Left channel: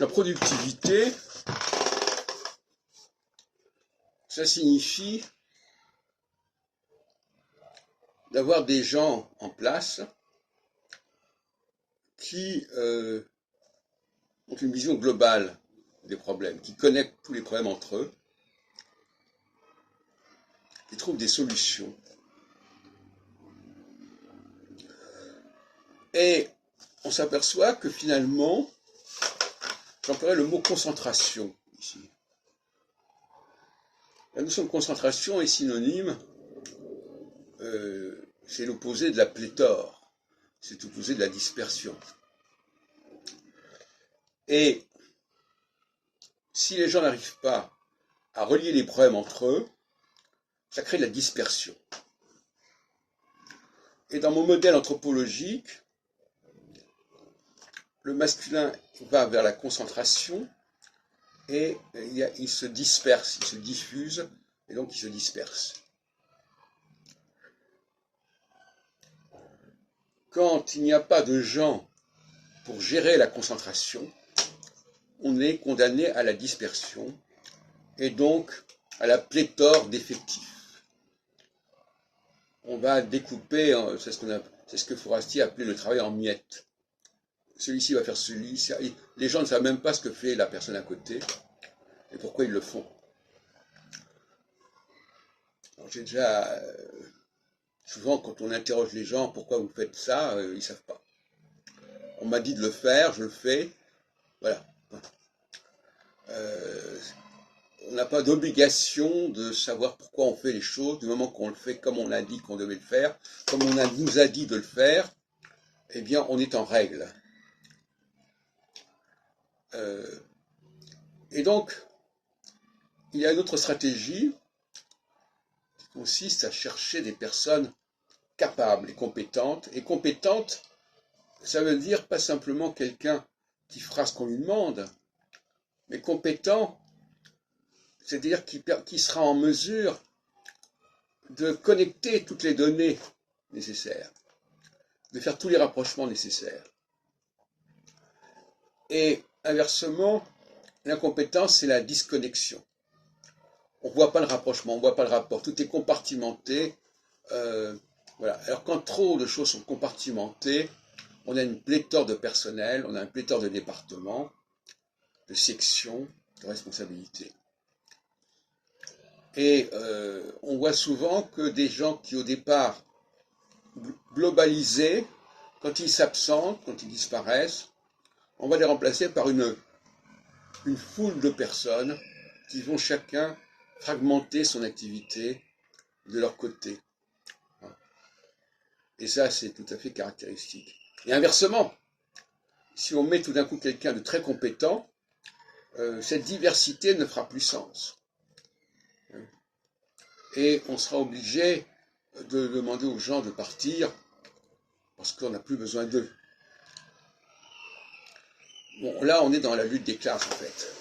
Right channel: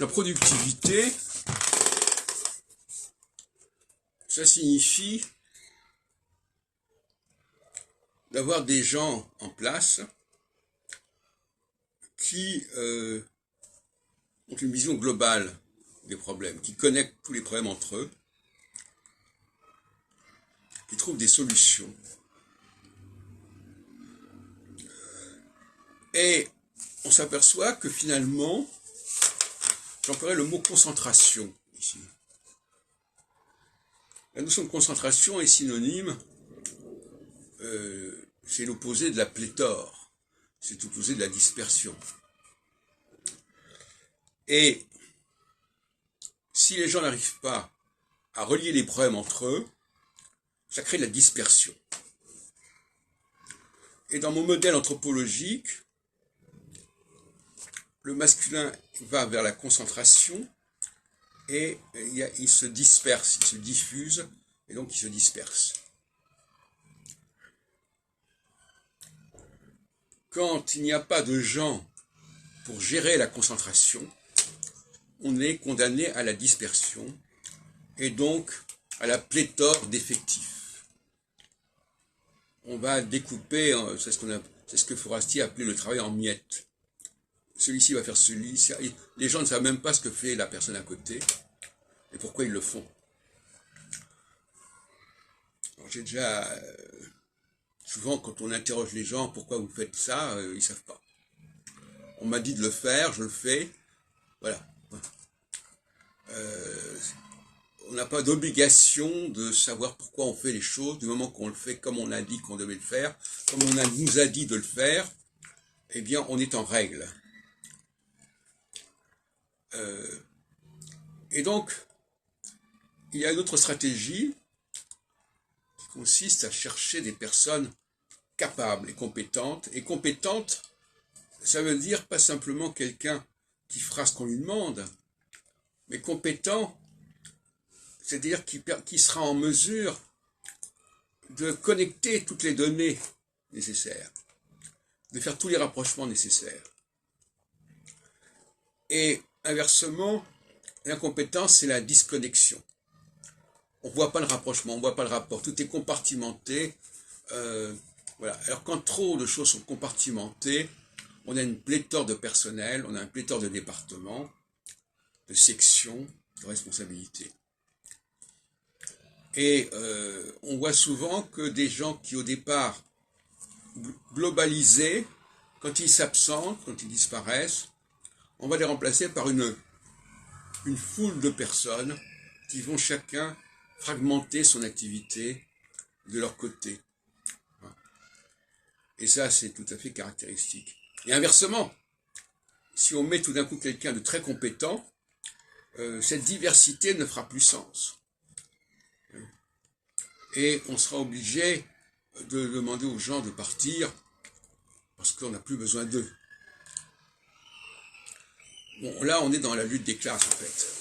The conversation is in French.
La productivité, ça signifie d'avoir des gens en place qui ont une vision globale des problèmes, qui connectent tous les problèmes entre eux, qui trouvent des solutions. Et on s'aperçoit que finalement, j'emploierais le mot concentration ici. La notion de concentration est synonyme, c'est l'opposé de la pléthore, c'est l'opposé de la dispersion. Et si les gens n'arrivent pas à relier les problèmes entre eux, ça crée de la dispersion. Et dans mon modèle anthropologique, le masculin va vers la concentration et il se disperse, il se diffuse et donc il se disperse. Quand il n'y a pas de gens pour gérer la concentration, on est condamné à la dispersion et donc à la pléthore d'effectifs. On va découper, c'est ce que Forestier appelait le travail en miettes. Celui-ci va faire celui-ci. Les gens ne savent même pas ce que fait la personne à côté et pourquoi ils le font. J'ai déjà... souvent, quand on interroge les gens, pourquoi vous faites ça, ils ne savent pas. On m'a dit de le faire, je le fais. Voilà. On n'a pas d'obligation de savoir pourquoi on fait les choses, du moment qu'on le fait comme on a dit qu'on devait le faire, comme on nous a dit de le faire, eh bien, on est en règle. Et donc, il y a une autre stratégie qui consiste à chercher des personnes capables et compétentes. Et compétente, ça veut dire pas simplement quelqu'un qui fera ce qu'on lui demande, mais compétent, c'est-à-dire qui sera en mesure de connecter toutes les données nécessaires, de faire tous les rapprochements nécessaires. Et inversement, l'incompétence, c'est la disconnexion. On ne voit pas le rapprochement, on ne voit pas le rapport, tout est compartimenté. Voilà. Alors quand trop de choses sont compartimentées, on a une pléthore de personnel, on a une pléthore de départements, de sections, de responsabilités. Et on voit souvent que des gens qui au départ globalisés, quand ils s'absentent, quand ils disparaissent, on va les remplacer par une foule de personnes qui vont chacun fragmenter son activité de leur côté. Et ça, c'est tout à fait caractéristique. Et inversement, si on met tout d'un coup quelqu'un de très compétent, cette diversité ne fera plus sens. Et on sera obligé de demander aux gens de partir parce qu'on n'a plus besoin d'eux. Bon, là, on est dans la lutte des classes, en fait.